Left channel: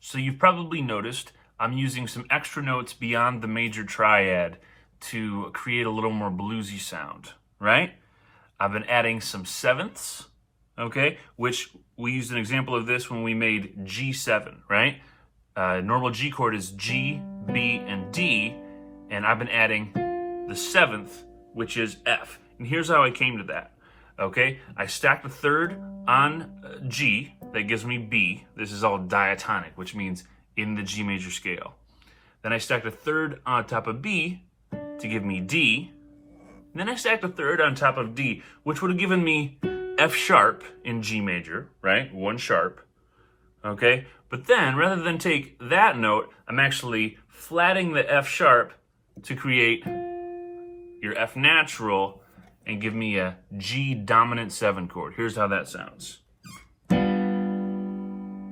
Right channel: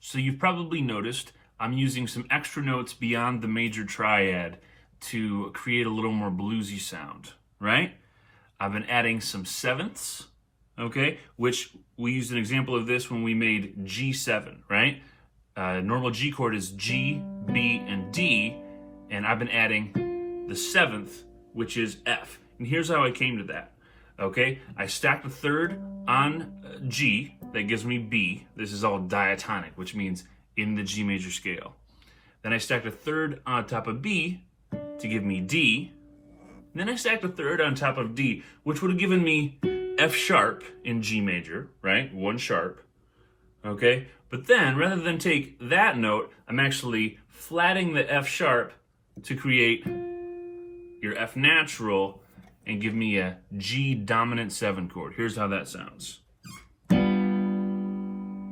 So you've probably noticed I'm using some extra notes beyond the major triad to create a little more bluesy sound, right? I've been adding some sevenths, okay, which we used an example of this when we made G7, right? Normal G chord is G, B, and D, and I've been adding the seventh, which is F. And here's how I came to that, okay? I stacked the third on G, that gives me B. This is all diatonic, which means in the G major scale. Then I stacked a third on top of B to give me D. And then I stacked a third on top of D, which would have given me F sharp in G major, right? 1 sharp, okay? But then, rather than take that note, I'm actually flatting the F sharp to create your F natural and give me a G dominant 7 chord. Here's how that sounds.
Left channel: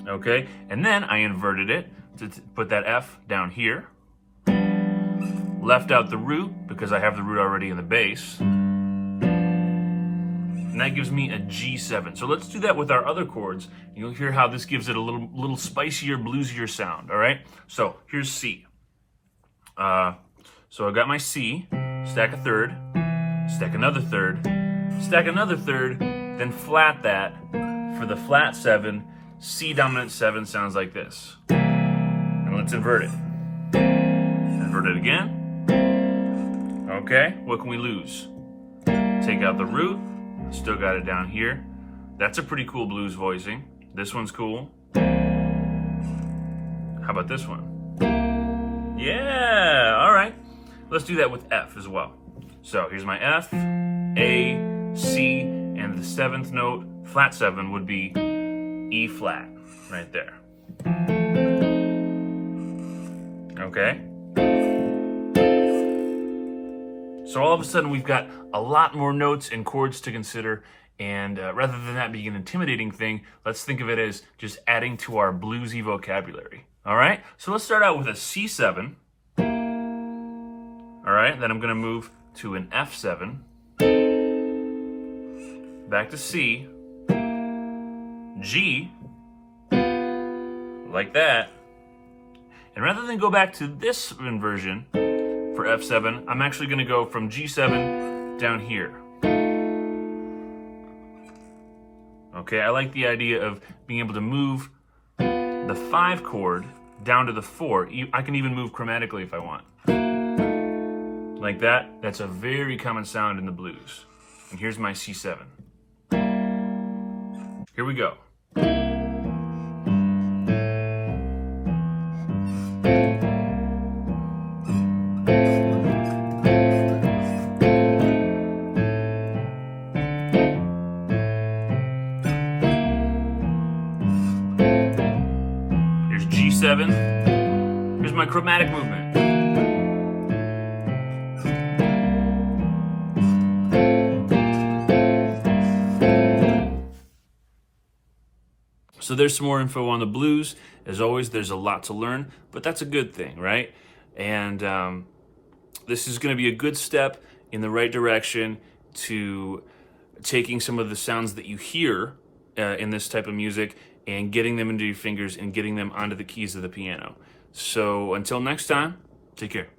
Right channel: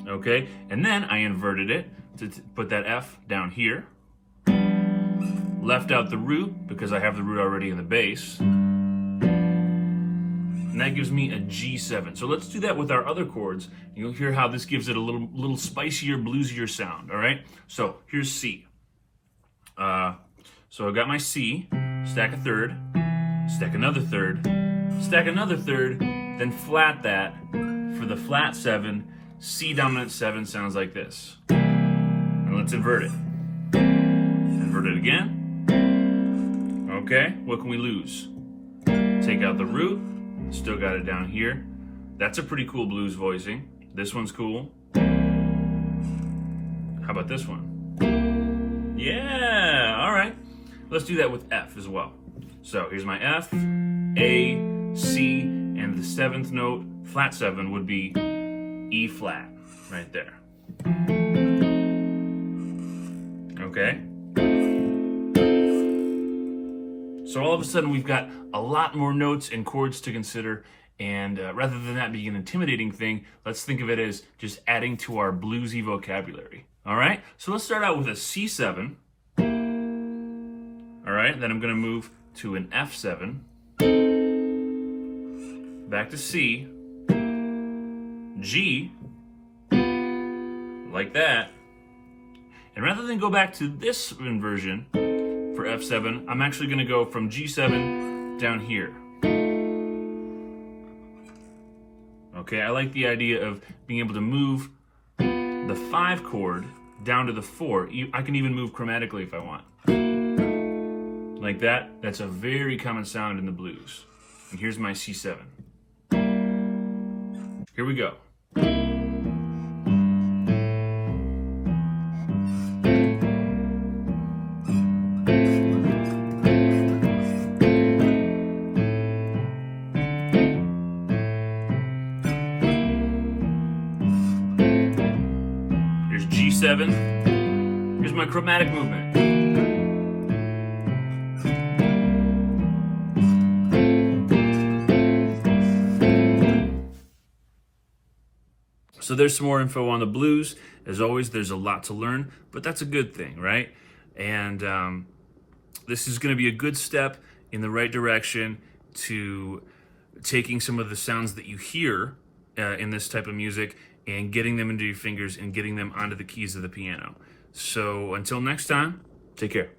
Okay, and then I inverted it to put that F down here. Left out the root because I have the root already in the bass. And that gives me a G7. So let's do that with our other chords. You'll hear how this gives it a little spicier, bluesier sound, all right? So here's C. So I got my C, stack a third, stack another third, stack another third, then flat that for the flat 7. C dominant 7 sounds like this. And let's invert it. Invert it again. Okay, what can we lose? Take out the root, still got it down here. That's a pretty cool blues voicing. This one's cool. How about this one? Yeah, all right. Let's do that with F as well. So here's my F, A, C, and the 7th note, flat 7, would be E flat, right there. Okay? So all of a sudden we've got a lot more notes and chords to consider, and rather than that being an intimidating thing, let's think of it as just adding to our bluesy vocabulary. All right? So let's start out with a C7. All right, then I'm gonna move to an F7, back to C, G, like that. And rather than go back to this inversion for F7, I'm actually gonna go from G7 down here. Okay, I like the idea of being able to move the 5 chord down to the 4. I can even move chromatically if I want. Like that. That's a very common sound in the blues. And here's my C7. Here we go. There's G7. Here's my chromatic movement. So there's some more info on the blues. As always, there's a lot to learn, but that's a good thing, right? And this is going to be a good step in the right direction to taking some of the sounds that you hear in this type of music and getting them into your fingers and getting them onto the keys of the piano. So until next time, take care.